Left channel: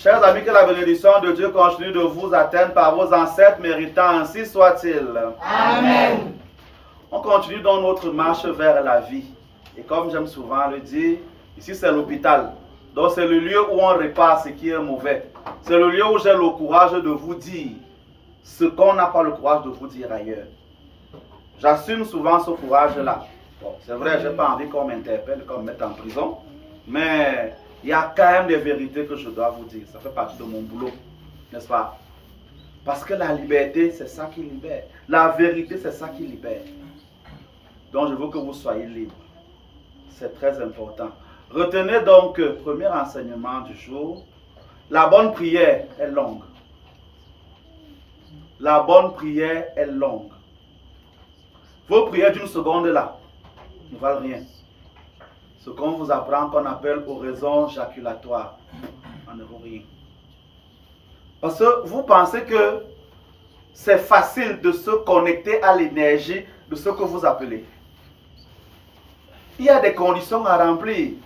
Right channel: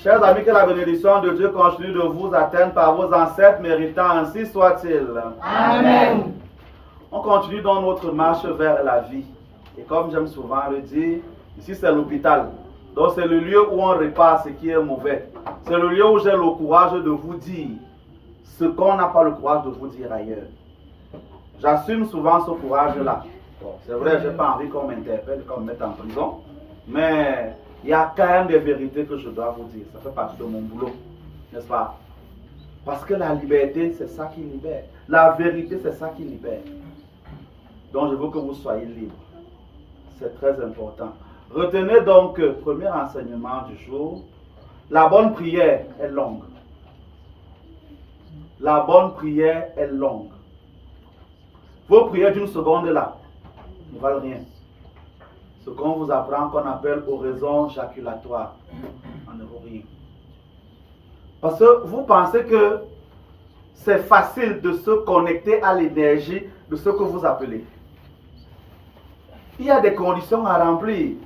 Chers amis, que la bénédiction de Dieu continue de vous atteindre par vos ancêtres, méritant ainsi soit-il. Amen. On continue dans notre marche vers la vie. Et comme j'aime souvent le dire, ici c'est l'hôpital. Donc c'est le lieu où on répare ce qui est mauvais. C'est le lieu où j'ai le courage de vous dire ce qu'on n'a pas le courage de vous dire ailleurs. J'assume souvent ce courage-là. Bon, c'est vrai, je n'ai pas envie qu'on m'interpelle, qu'on me mette en prison. Mais il y a quand même des vérités que je dois vous dire. Ça fait partie de mon boulot, n'est-ce pas? Parce que la liberté, c'est ça qui libère. La vérité, c'est ça qui libère. Donc je veux que vous soyez libres. C'est très important. Retenez donc, premier enseignement du jour, la bonne prière est longue. La bonne prière est longue. Vos prières d'une seconde là ne valent rien. Ce qu'on vous apprend qu'on appelle oraison jaculatoire, ça ne vaut rien. Parce que vous pensez que c'est facile de se connecter à l'énergie de ce que vous appelez. Il y a des conditions à remplir.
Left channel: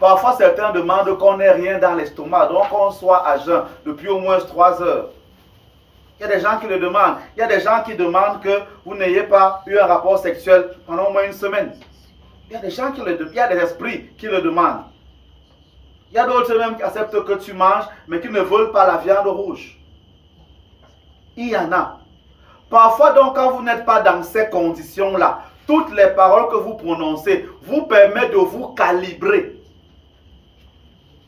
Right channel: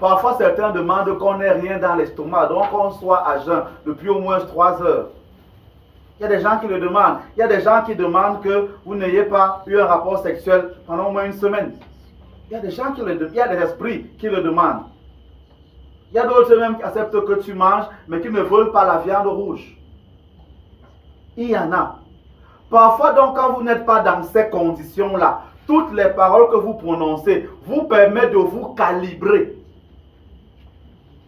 Parfois, certains demandent qu'on n'ait rien dans l'estomac, donc qu'on soit à jeun depuis au moins 3 heures. Il y a des gens qui le demandent. Il y a des gens qui demandent que vous n'ayez pas eu un rapport sexuel pendant au moins une semaine. Il y a des gens qui le demandent. Il y a des esprits qui le demandent. Il y a d'autres même qui acceptent que tu manges, mais qui ne veulent pas la viande rouge. Il y en a. Parfois, donc, quand vous n'êtes pas dans ces conditions-là, toutes les paroles que vous prononcez vous permettent de vous calibrer.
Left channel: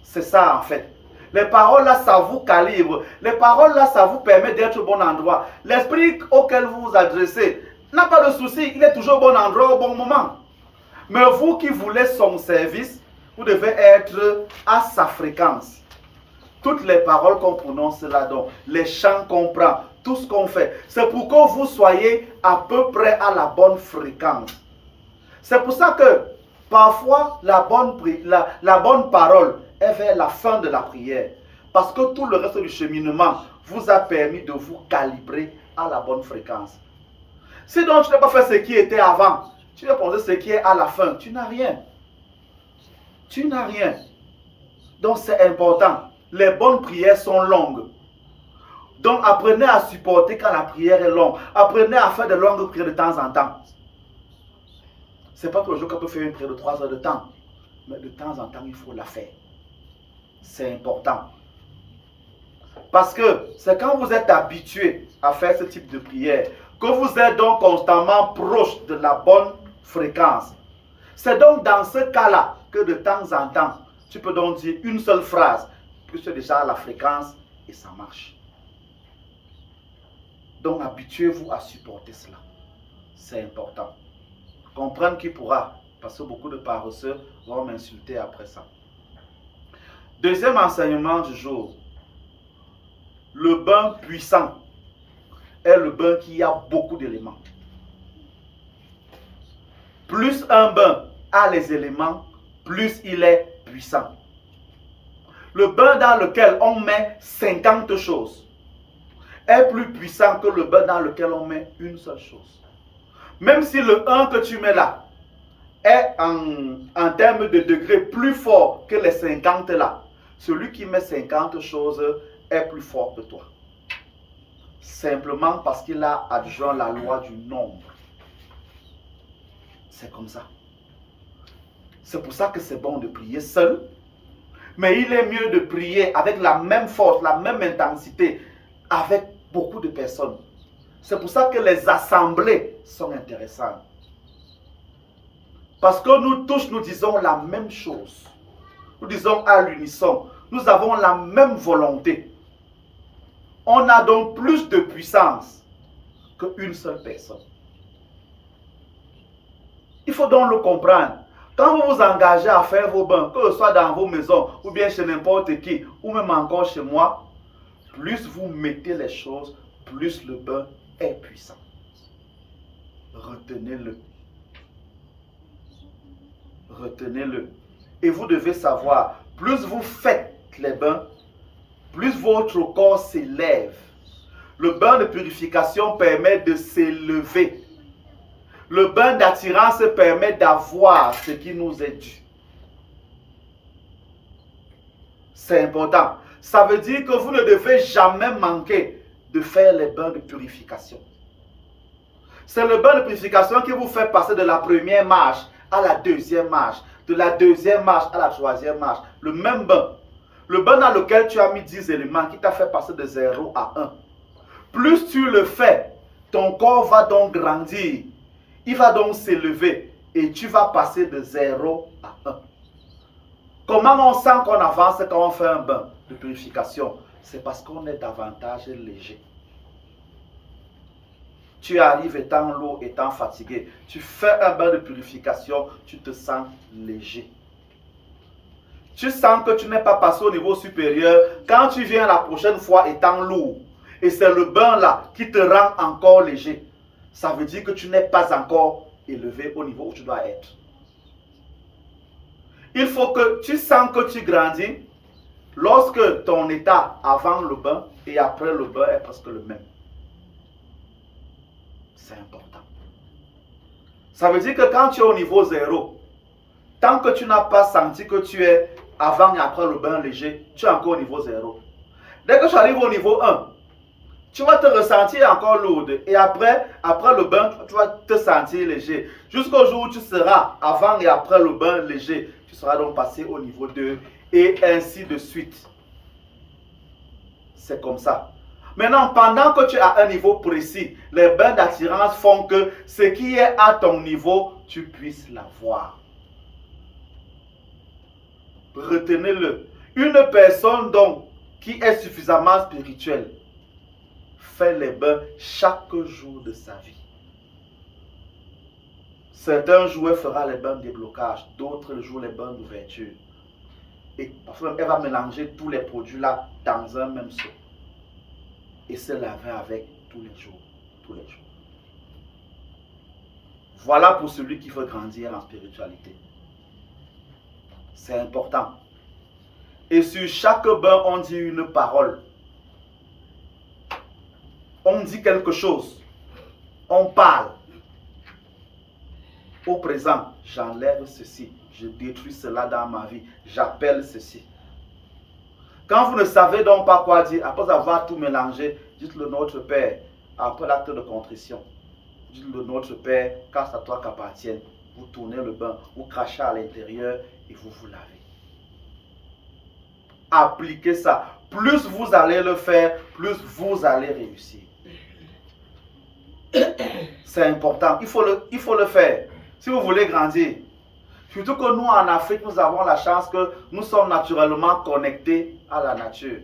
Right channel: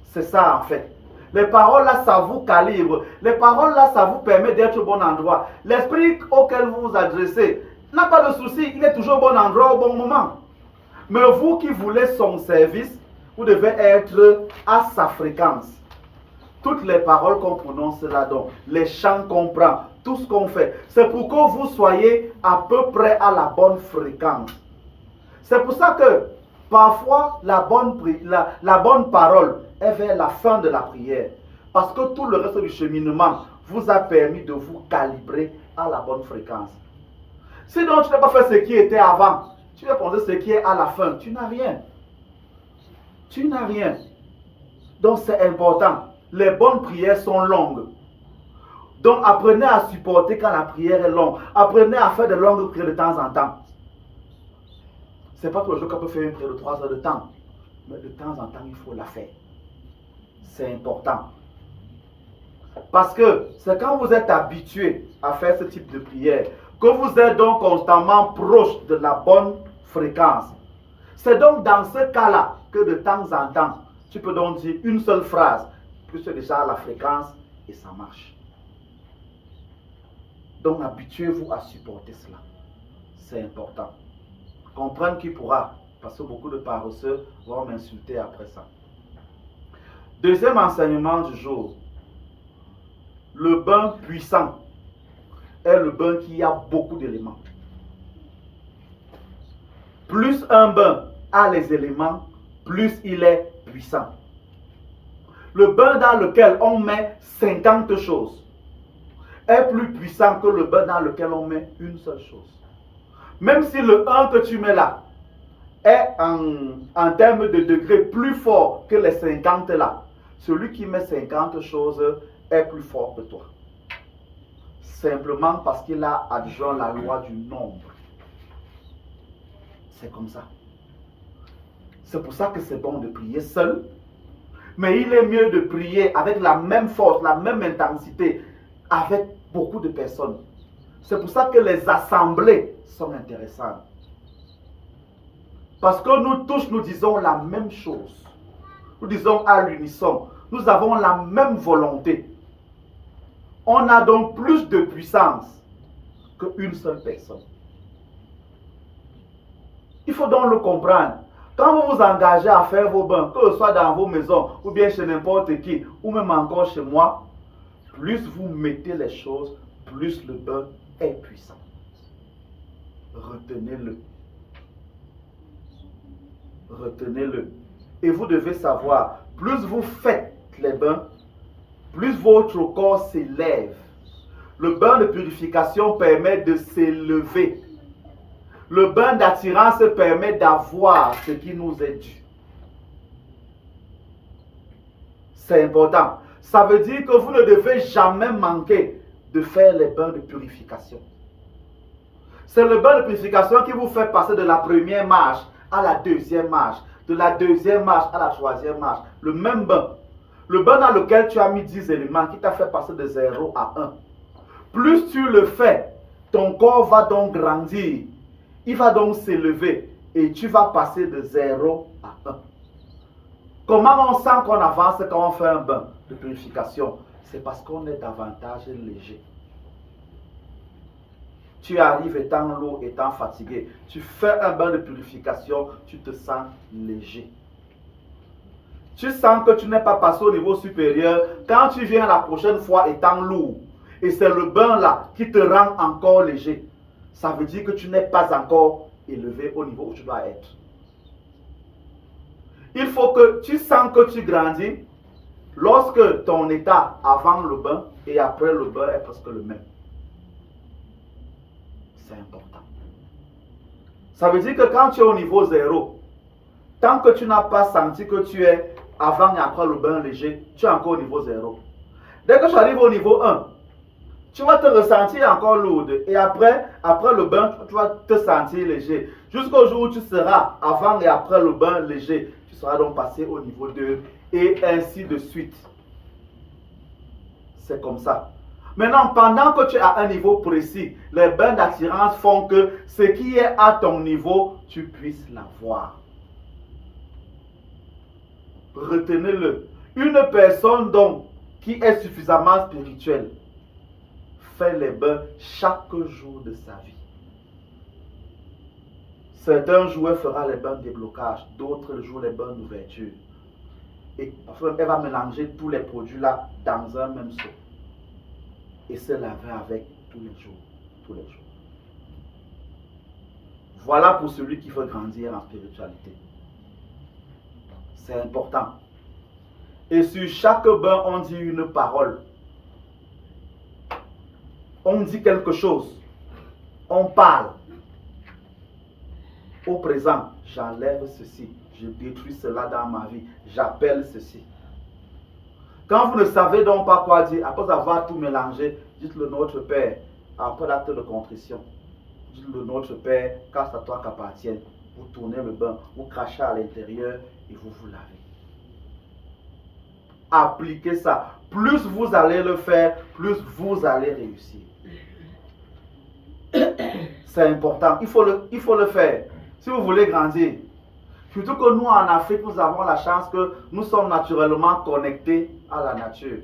C'est ça, en fait. Les paroles là, ça vous calibre. Les paroles là, ça vous permet d'être au bon endroit. L'esprit auquel vous vous adressez n'a pas de souci. Il est toujours au bon endroit, au bon moment. Mais vous qui voulez son service, vous devez être à sa fréquence. Toutes les paroles qu'on prononce là-dedans, les chants qu'on prend, tout ce qu'on fait, c'est pour que vous soyez à peu près à la bonne fréquence. C'est pour ça que parfois la bonne parole est vers la fin de la prière. Parce que tout le reste du cheminement vous a permis de vous calibrer à la bonne fréquence. Si donc tu n'as pas fait ce qui était avant, tu vas penser ce qui est à la fin, tu n'as rien. Tu n'as rien. Donc c'est important. Les bonnes prières sont longues. Donc apprenez à supporter quand la prière est longue. Apprenez à faire de longues prières de temps en temps. Ce n'est pas tous les jours qu'on peut faire une prière de 3 heures de temps. Mais de temps en temps, il faut la faire. C'est important. Parce que c'est quand vous êtes habitué à faire ce type de prière que vous êtes donc constamment proche de la bonne fréquence. C'est donc dans ce cas-là que de temps en temps, tu peux donc dire une seule phrase, que tu es déjà à la fréquence et ça marche. Donc habituez-vous à supporter cela. C'est important. Comprendre qui pourra, parce que beaucoup de paresseux vont m'insulter après ça. Deuxième enseignement du jour. Le bain puissant est le bain qui a beaucoup d'éléments. Plus un bain a les éléments, plus il est puissant. Le bain dans lequel on met 50 choses est plus puissant que le bain dans lequel on met une seule chose. Même si le 1 que tu mets là est en termes de degrés plus fort que les 50 là, celui qui met 50 choses est plus fort que toi. Simplement parce qu'il a adjoint la loi du nombre. C'est comme ça. C'est pour ça que c'est bon de prier seul. Mais il est mieux de prier avec la même force, la même intensité, avec beaucoup de personnes. C'est pour ça que les assemblées sont intéressantes. Parce que nous tous, nous disons la même chose. Nous disons à l'unisson. Nous avons la même volonté. On a donc plus de puissance qu'une seule personne. Il faut donc le comprendre. Quand vous vous engagez à faire vos bains, que ce soit dans vos maisons, ou bien chez n'importe qui, ou même encore chez moi, plus vous mettez les choses, plus le bain est puissant. Retenez-le. Retenez-le. Et vous devez savoir, plus vous faites les bains, plus votre corps s'élève. Le bain de purification permet de s'élever. Le bain d'attirance permet d'avoir ce qui nous est dû. C'est important. Ça veut dire que vous ne devez jamais manquer de faire les bains de purification. C'est le bain de purification qui vous fait passer de la première marche à la deuxième marche, de la deuxième marche à la troisième marche. Le même bain. Le bain dans lequel tu as mis 10 éléments qui t'a fait passer de 0 à 1. Plus tu le fais, ton corps va donc grandir. Il va donc s'élever et tu vas passer de 0 à 1. Comment on sent qu'on avance quand on fait un bain de purification? C'est parce qu'on est davantage léger. Tu arrives étant lourd, étant fatigué. Tu fais un bain de purification, tu te sens léger. Tu sens que tu n'es pas passé au niveau supérieur quand tu viens la prochaine fois étant lourd. Et c'est le bain là qui te rend encore léger. Ça veut dire que tu n'es pas encore élevé au niveau où tu dois être. Il faut que tu sens que tu grandis lorsque ton état avant le bain et après le bain est presque le même. C'est important. Ça veut dire que quand tu es au niveau 0, tant que tu n'as pas senti que tu es avant et après le bain léger, tu es encore au niveau 0. Dès que tu arrives au niveau 1, tu vas te ressentir encore lourde. Et après le bain, tu vas te sentir léger. Jusqu'au jour où tu seras avant et après le bain léger, tu seras donc passé au niveau 2 et ainsi de suite. C'est comme ça. Maintenant, pendant que tu es à un niveau précis, les bains d'attirance font que ce qui est à ton niveau, tu puisses l'avoir. Retenez-le. Une personne donc qui est suffisamment spirituelle fait les bains chaque jour de sa vie. Certains jours, elle fera les bains de déblocage, d'autres jours, les bains d'ouverture. Et parfois, elle va mélanger tous les produits là dans un même seau. Et se laver avec tous les jours. Tous les jours. Voilà pour celui qui veut grandir en spiritualité. C'est important. Et sur chaque bain, on dit une parole. On dit quelque chose. On parle. Au présent, j'enlève ceci. Je détruis cela dans ma vie. J'appelle ceci. Quand vous ne savez donc pas quoi dire, après avoir tout mélangé, dites-le Notre Père. Après l'acte de contrition, dites-le Notre Père, car c'est à toi qu'appartienne. Vous tournez le bain, vous crachez à l'intérieur et vous vous lavez. Appliquez ça. Plus vous allez le faire, plus vous allez réussir. C'est important. Il faut le faire. Si vous voulez grandir. Surtout que nous, en Afrique, nous avons la chance que nous sommes naturellement connectés à la nature.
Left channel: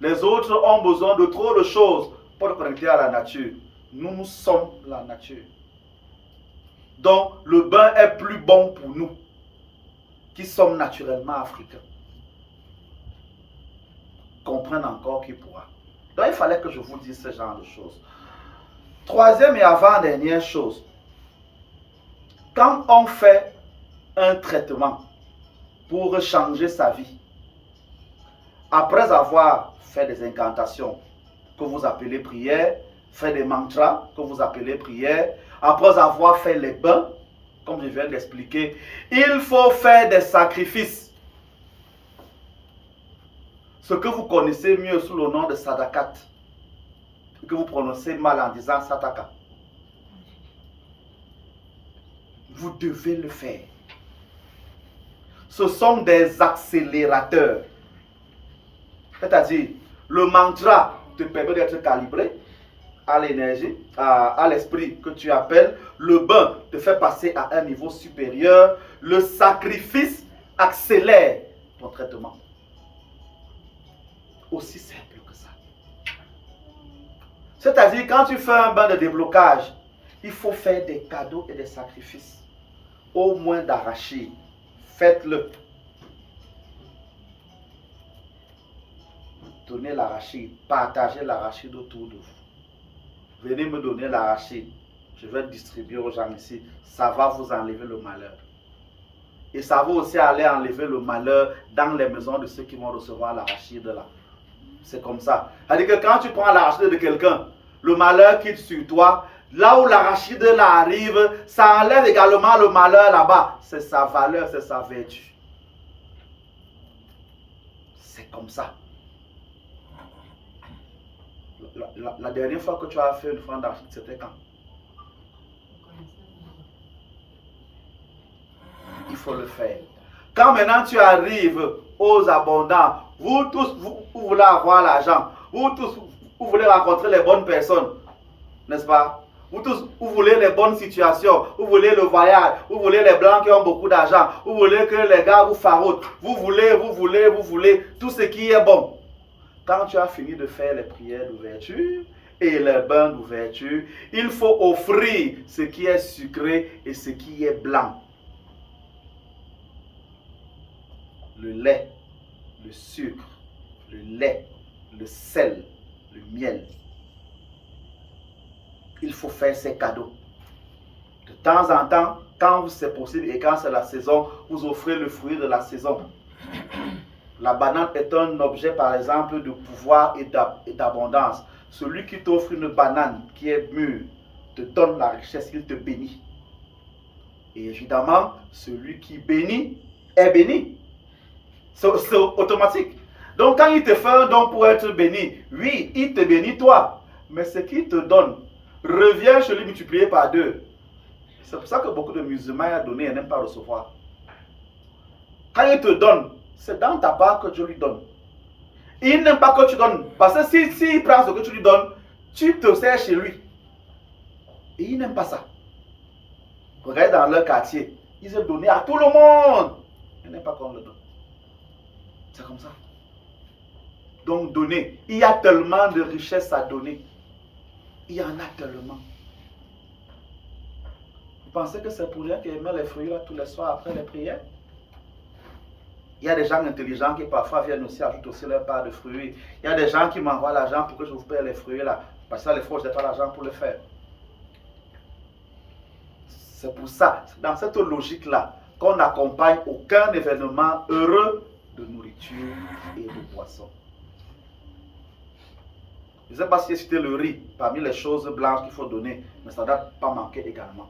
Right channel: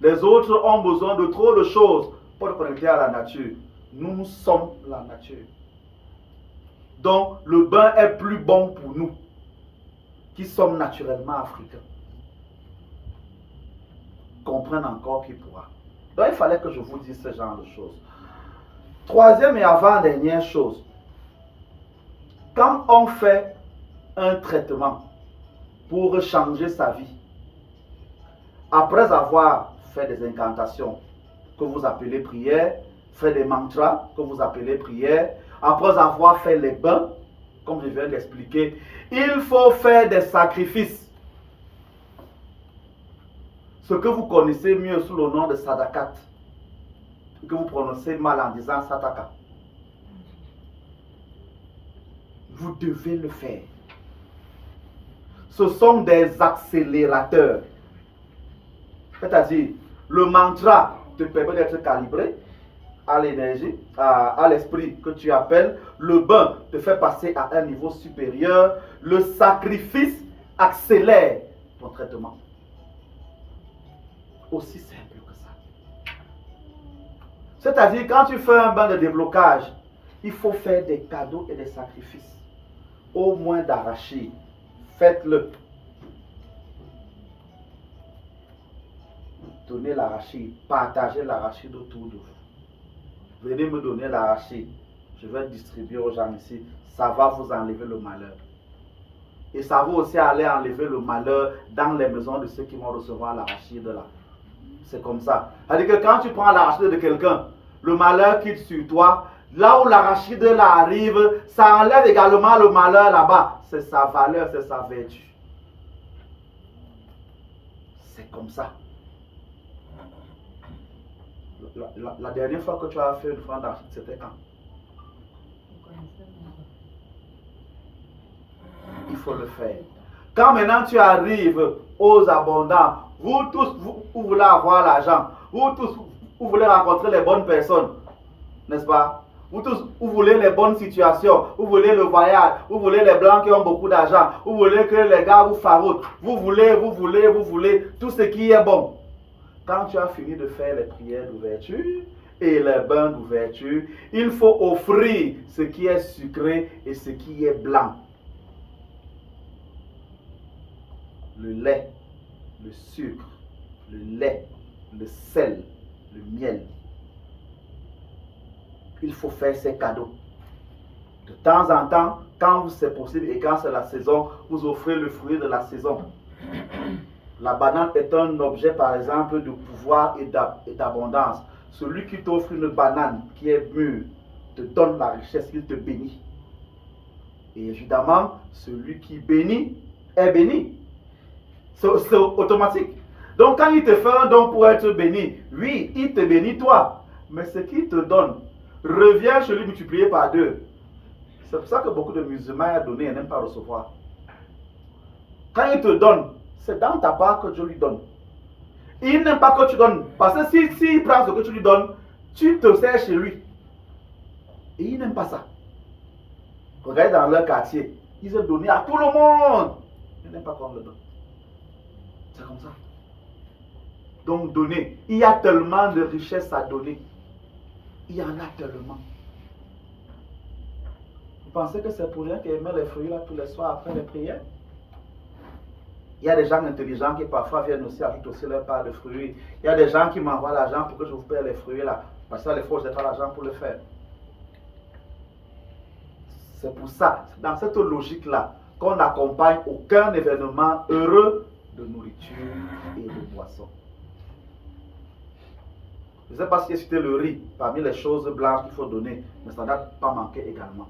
Les autres ont besoin de trop de choses pour être connectés à la nature. Nous sommes la nature. Donc, le bain est plus bon pour nous, qui sommes naturellement africains. Comprendre encore qui pourra. Donc, il fallait que je vous dise ce genre de choses. Troisième et avant-dernière chose. Quand on fait un traitement pour changer sa vie, après avoir fait des incantations que vous appelez prières, fait des mantras que vous appelez prières, après avoir fait les bains, comme je viens d'expliquer, il faut faire des sacrifices. Ce que vous connaissez mieux sous le nom de sadakat, que vous prononcez mal en disant sadaka. Vous devez le faire. Ce sont des accélérateurs. C'est-à-dire, le mantra te permet d'être calibré à l'énergie, à l'esprit que tu appelles. Le bain te fait passer à un niveau supérieur. Le sacrifice accélère ton traitement. Aussi simple que ça. C'est-à-dire, quand tu fais un bain de déblocage, il faut faire des cadeaux et des sacrifices. Au moins d'arachide. Faites-le. Donnez l'arachide. Partagez l'arachide autour de vous. Venez me donner l'arachide. Je vais le distribuer aux gens ici. Ça va vous enlever le malheur. Et ça va aussi aller enlever le malheur dans les maisons de ceux qui vont recevoir l'arachide là. C'est comme ça. C'est-à-dire que quand tu prends l'arachide de quelqu'un, le malheur quitte sur toi. Là où l'arachide là arrive, ça enlève également le malheur là-bas. C'est sa valeur, c'est sa vertu. C'est comme ça. La dernière fois que tu as fait une offrande d'argent, c'était quand? Il faut le faire. Quand maintenant tu arrives aux abondants, vous tous, vous voulez avoir l'argent, vous tous, vous voulez rencontrer les bonnes personnes, n'est-ce pas? Vous tous, vous voulez les bonnes situations, vous voulez le voyage, vous voulez les blancs qui ont beaucoup d'argent, vous voulez que les gars vous faroutent, vous voulez tout ce qui est bon. Quand tu as fini de faire les prières d'ouverture et les bains d'ouverture, il faut offrir ce qui est sucré et ce qui est blanc. Le lait, le sucre, le lait, le sel, le miel. Il faut faire ces cadeaux. De temps en temps, quand c'est possible et quand c'est la saison, vous offrez le fruit de la saison. La banane est un objet, par exemple, de pouvoir et d'abondance. Celui qui t'offre une banane qui est mûre te donne la richesse, il te bénit. Et évidemment, celui qui bénit est béni. C'est automatique. Donc, quand il te fait un don pour être béni, oui, il te bénit toi. Mais ce qu'il te donne revient chez lui multiplié par 2. C'est pour ça que beaucoup de musulmans ont donné et n'aiment pas recevoir. Quand il te donne, c'est dans ta part que Dieu lui donne. Il n'aime pas que tu donnes. Parce que s'il prend ce que tu lui donnes, tu te sers chez lui. Et il n'aime pas ça. Regarde dans leur quartier. Ils ont donné à tout le monde. Ils n'aiment pas qu'on le donne. C'est comme ça. Donc donner. Il y a tellement de richesses à donner. Il y en a tellement. Vous pensez que c'est pour rien qu'ils mettent les fruits là tous les soirs après les prières? Il y a des gens intelligents qui parfois viennent aussi ajouter aussi leur part de fruits. Il y a des gens qui m'envoient l'argent pour que je vous paye les fruits là. Parce que les fois, je n'ai pas l'argent pour le faire. C'est pour ça, dans cette logique-là, qu'on n'accompagne aucun événement heureux de nourriture et de boisson. Je ne sais pas si j'ai cité le riz parmi les choses blanches qu'il faut donner, mais ça ne doit pas manquer également.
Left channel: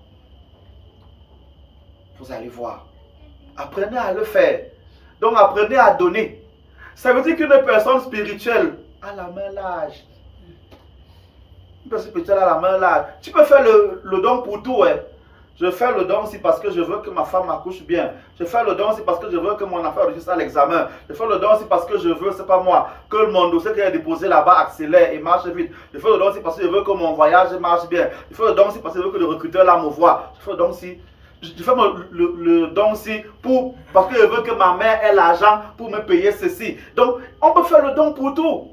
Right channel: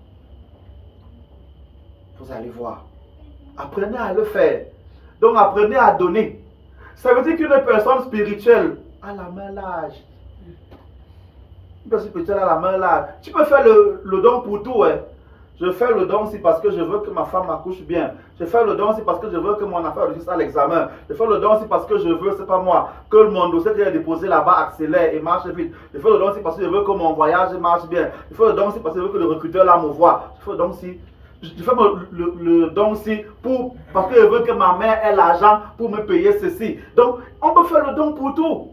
Vous allez voir. Apprenez à le faire. Donc apprenez à donner. Ça veut dire qu'une personne spirituelle a la main large. Une personne spirituelle a la main large. Tu peux faire le don pour tout. Hein. Je fais le don aussi parce que je veux que ma femme accouche bien. Je fais le don aussi parce que je veux que mon affaire réussisse à l'examen. Je fais le don aussi parce que je veux, c'est pas moi, que mon dossier que j'ai déposé là-bas accélère et marche vite. Je fais le don aussi parce que je veux que mon voyage marche bien. Je fais le don aussi parce que je veux que le recruteur là me voit. Je fais le don aussi. Je fais le don aussi parce que je veux que ma mère ait l'argent pour me payer ceci. Donc, on peut faire le don pour tout.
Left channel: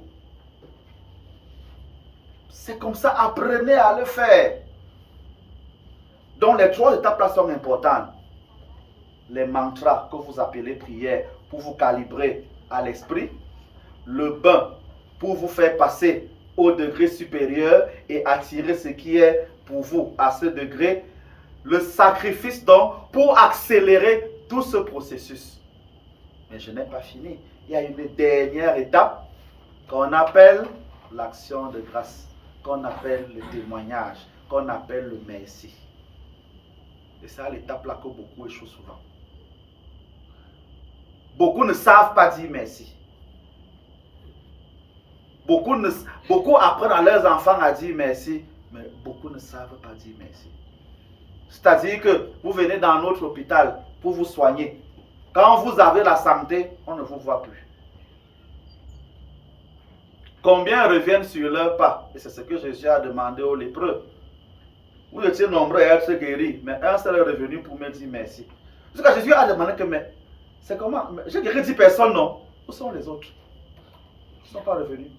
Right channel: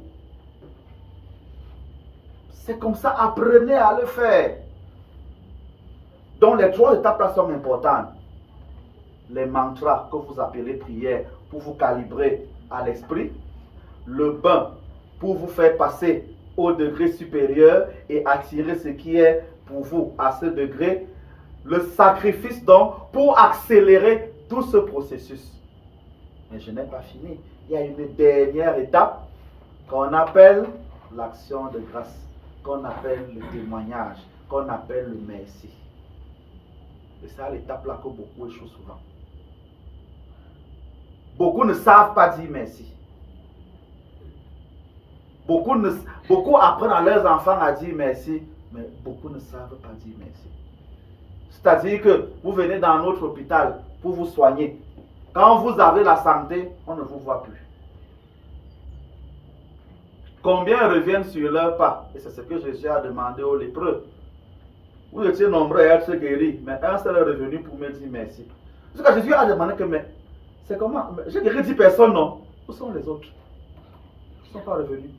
C'est comme ça, apprenez à le faire. Donc, les 3 étapes là sont importantes. Les mantras que vous appelez prière pour vous calibrer à l'esprit. Le bain pour vous faire passer au degré supérieur et attirer ce qui est pour vous à ce degré. Le sacrifice donc pour accélérer tout ce processus. Mais je n'ai pas fini. Il y a une dernière étape qu'on appelle l'action de grâce, qu'on appelle le témoignage, qu'on appelle le merci. Et c'est l'étape là que beaucoup échouent souvent. Beaucoup ne savent pas dire merci. Beaucoup apprennent à leurs enfants à dire merci, mais beaucoup ne savent pas dire merci. C'est-à-dire que vous venez dans notre hôpital pour vous soigner. Quand vous avez la santé, on ne vous voit plus. Combien reviennent sur leurs pas? Et c'est ce que Jésus a demandé aux lépreux. Vous étiez nombreux à être guéris, mais un seul est revenu pour me dire merci. Parce que Jésus a demandé que, mais c'est comment? J'ai guéri 10 personnes, non? Où sont les autres? Ils ne sont pas revenus.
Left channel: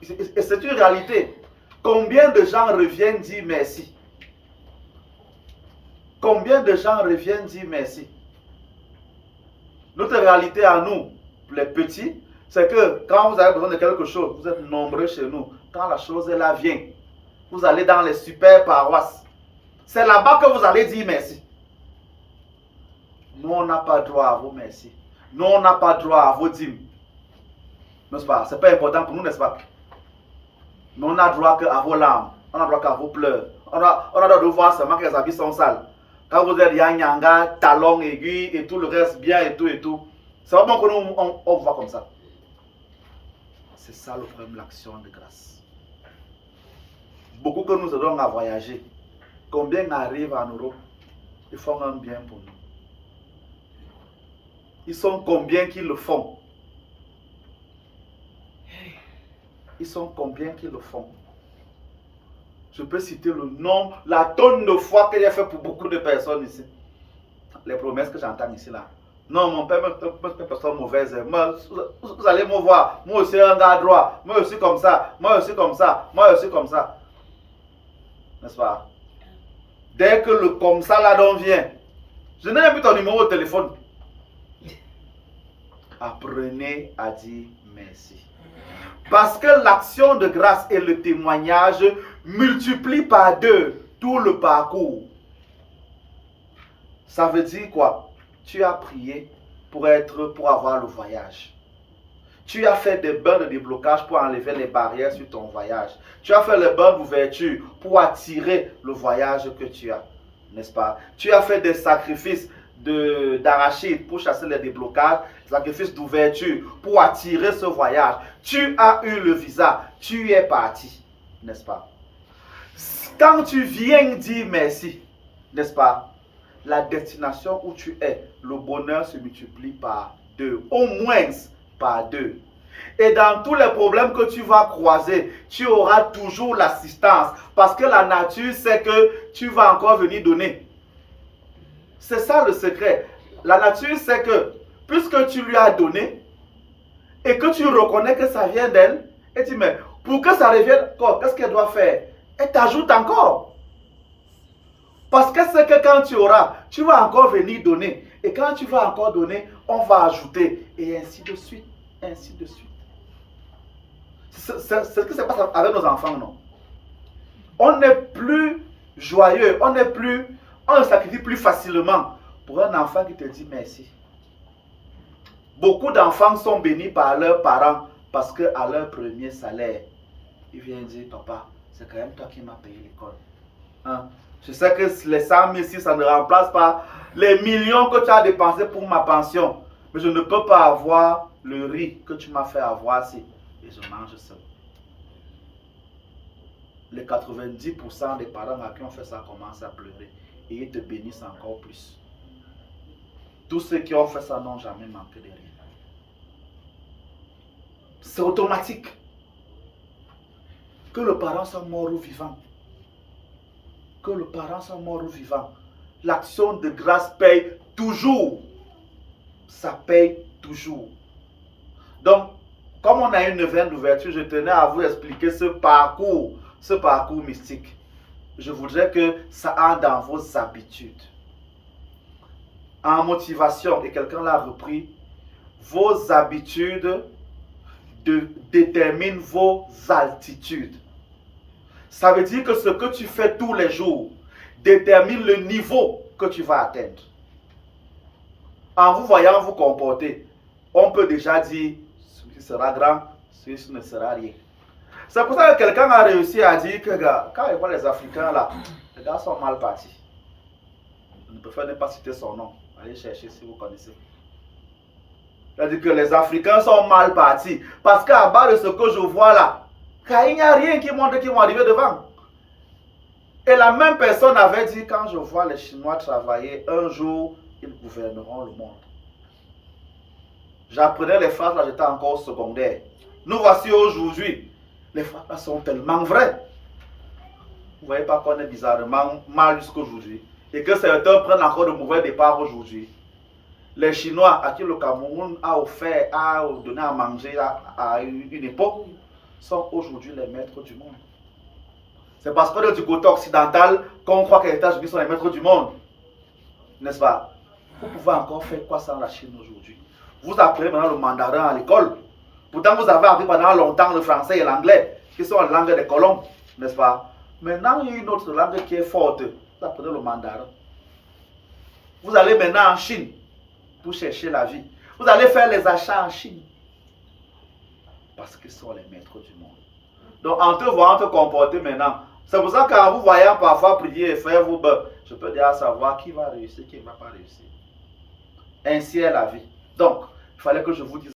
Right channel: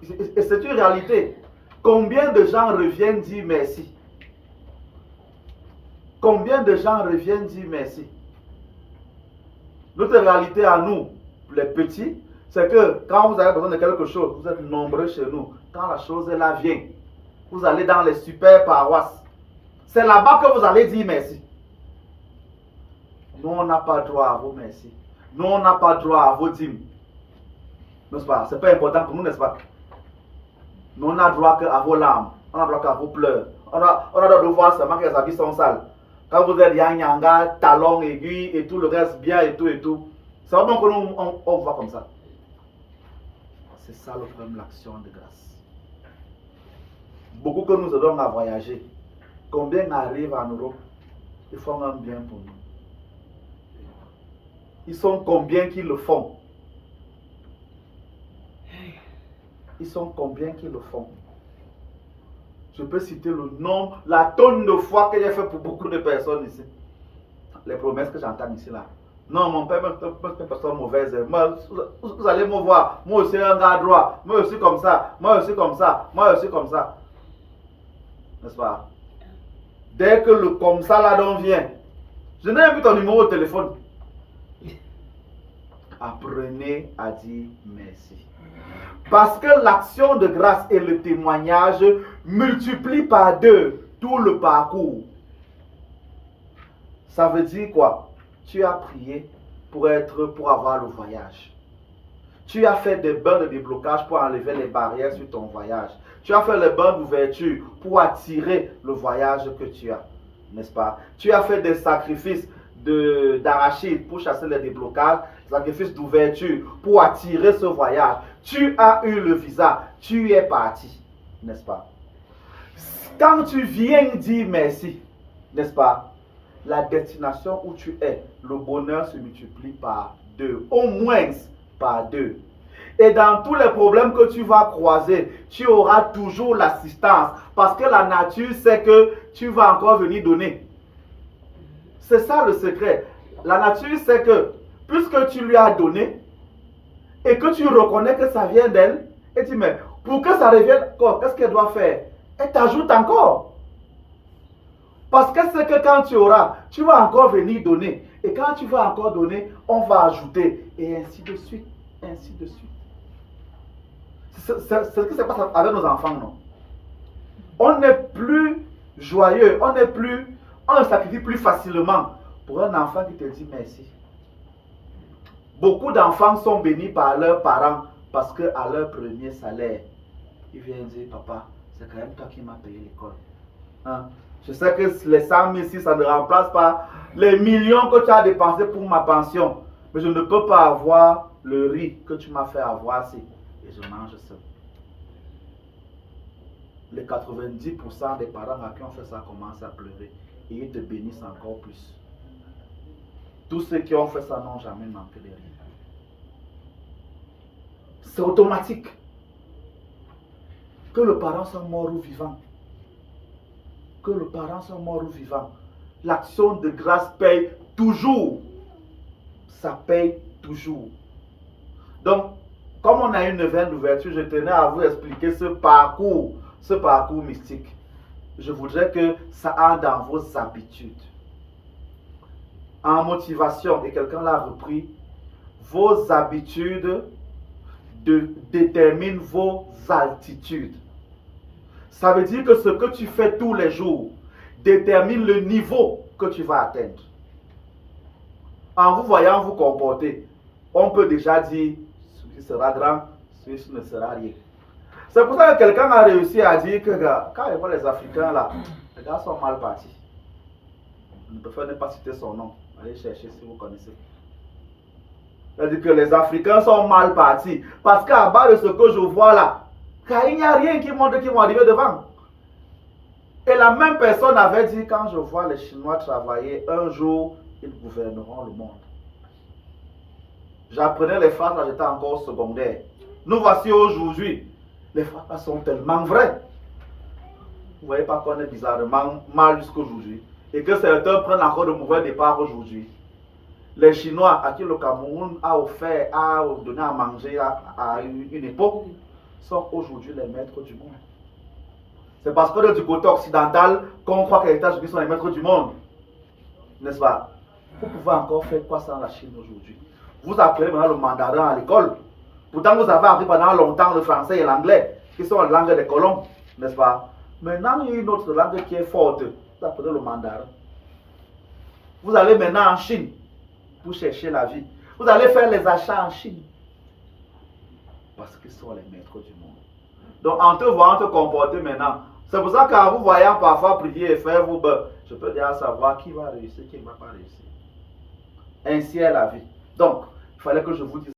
Et c'est une réalité. Combien de gens reviennent dire merci? Combien de gens reviennent dire merci? Notre réalité à nous, les petits, c'est que quand vous avez besoin de quelque chose, vous êtes nombreux chez nous. Quand la chose là vient, vous allez dans les super paroisses. C'est là-bas que vous allez dire merci. Nous, on n'a pas droit à vos merci. Nous, on n'a pas droit à vos dîmes. N'est-ce pas? Ce n'est pas important pour nous, n'est-ce pas? Nous, on n'a droit qu'à vos larmes. On n'a droit qu'à vos pleurs. On a droit de voir seulement que les habits sont sales. Quand vous êtes yang-yanga, talons aigus et tout le reste bien et tout. C'est pas bon que nous, on voit comme ça. C'est ça le problème, l'action de grâce. Beaucoup que nous aidons à voyager, combien arrivent en Europe? Ils font un bien pour nous. Ils sont combien qui le font? Ils sont combien qui le font? Je peux citer le nombre, la tonne de fois que j'ai fait pour beaucoup de personnes ici. Les promesses que j'entends ici là. Non, mon père me fait une personne mauvaise. Vous allez me voir. Moi aussi un gars droit. Moi aussi comme ça. Moi aussi comme ça. Moi aussi comme ça. N'est-ce pas? Dès que le comme ça là-dedans vient, je n'ai plus ton numéro de téléphone. Apprenez à dire merci. Parce que l'action de grâce et le témoignage multiplient par 2 tout le parcours. Ça veut dire quoi? Tu as prié pour avoir le voyage. Tu as fait des bains de déblocage pour enlever les barrières sur ton voyage. Tu as fait les bains d'ouverture pour attirer le voyage que tu as. N'est-ce pas? Tu as fait des sacrifices d'arachide pour chasser les déblocages, sacrifices d'ouverture pour attirer ce voyage. Tu as eu le visa, tu es parti. N'est-ce pas? Quand tu viens dire merci, n'est-ce pas? La destination où tu es, le bonheur se multiplie par 2, au moins par 2. Et dans tous les problèmes que tu vas croiser, tu auras toujours l'assistance parce que la nature sait que tu vas encore venir donner. C'est ça le secret. La nature sait que puisque tu lui as donné et que tu reconnais que ça vient d'elle, elle dit mais pour que ça revienne, qu'est-ce qu'elle doit faire? Elle t'ajoute encore. Parce que c'est que quand tu auras, tu vas encore venir donner. Et quand tu vas encore donner, on va ajouter. Et ainsi de suite. Ainsi de suite. C'est ce qui se passe avec nos enfants, non? On n'est plus joyeux. On ne sacrifie plus facilement pour un enfant qui te dit merci. Beaucoup d'enfants sont bénis par leurs parents parce qu'à leur premier salaire, ils viennent dire, papa, c'est quand même toi qui m'as payé l'école. Hein? Je sais que les 100 000 ici, ça ne remplace pas les millions que tu as dépensés pour ma pension. Mais je ne peux pas avoir le riz que tu m'as fait avoir ici. Et je mange seul. Les 90% des parents à qui on fait ça commencent à pleurer. Et ils te bénissent encore plus. Tous ceux qui ont fait ça n'ont jamais manqué de rien. C'est automatique. Que le parent soit mort ou vivant. Que le parent soit mort ou vivant. L'action de grâce paye toujours. Ça paye toujours. Donc, comme on a une neuvaine d'ouverture, je tenais à vous expliquer ce parcours mystique. Je voudrais que ça entre dans vos habitudes. En motivation, et quelqu'un l'a repris, vos habitudes déterminent vos altitudes. Ça veut dire que ce que tu fais tous les jours détermine le niveau que tu vas atteindre. En vous voyant vous comporter, on peut déjà dire celui sera grand, celui ne sera rien. C'est pour ça que quelqu'un a réussi à dire que quand il voit les Africains là, les gars sont mal partis. Je ne préfère ne pas citer son nom. Allez chercher si vous connaissez. C'est-à-dire que les Africains sont mal partis. Parce qu'à bas de ce que je vois là, il n'y a rien qui montre qu'ils vont arriver devant. Et la même personne avait dit, quand je vois les Chinois travailler, un jour, ils gouverneront le monde. J'apprenais les phrases, là j'étais encore secondaire. Nous voici aujourd'hui. Les phrases là sont tellement vraies. Vous ne voyez pas qu'on est bizarrement mal jusqu'aujourd'hui. Et que certains prennent encore de mauvais départ aujourd'hui. Les Chinois à qui le Cameroun a offert, a donné à manger à une époque, sont aujourd'hui les maîtres du monde. C'est parce que du côté occidental qu'on croit que les États-Unis sont les maîtres du monde. N'est-ce pas? Vous pouvez encore faire quoi sans la Chine aujourd'hui? Vous apprenez maintenant le mandarin à l'école. Pourtant, vous avez appris pendant longtemps le français et l'anglais, qui sont les langues des colons. N'est-ce pas? Maintenant, il y a une autre langue qui est forte. Vous apprenez le mandarin. Vous allez maintenant en Chine pour chercher la vie. Vous allez faire les achats en Chine. Parce qu'ils sont les maîtres du monde. Donc, en te voyant te comporter maintenant, c'est pour ça qu'en vous voyant parfois prier et faire vos bœufs, je peux déjà savoir qui va réussir, qui ne va pas réussir. Ainsi est la vie. Donc, il fallait que je vous dise